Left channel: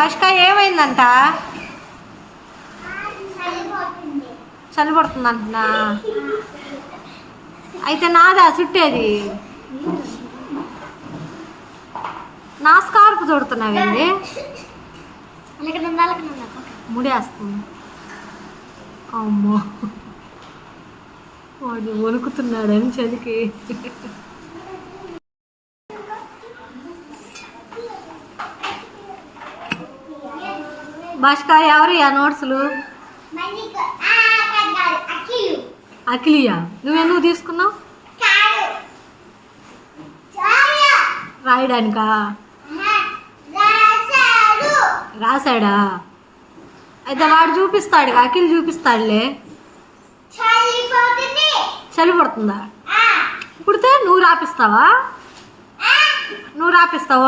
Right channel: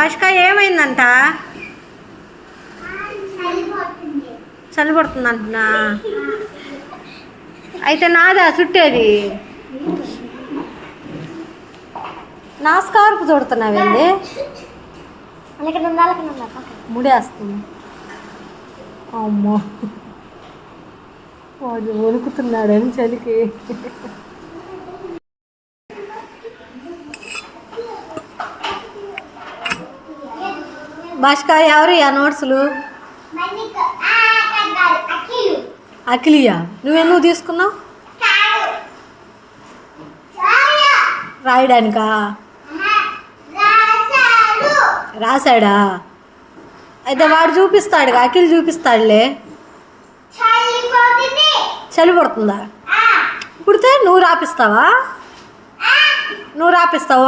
భాష్క ఏమైందంట? చలి పడుతుందంటున్నా. అయితే నాదా చుట్టేది? నా స్కార్పు చుడుతున్నావండి. ముడేస్తుంది. అమ్మో, వాడు వణుకుతున్నాడని చలికి. భాష్క ఎవరు ఆ నోట్సులు? అఖిలియా? నువ్వెందుకు తీసుకున్నావు? రాయడానికా? రాశాడా? అయితే వాడు చూపిస్తాడుగా, అఖిల్ చూపిస్తాడులే. చలి పడుతుందా? పుడితే నువ్వు రాపిస్తావా?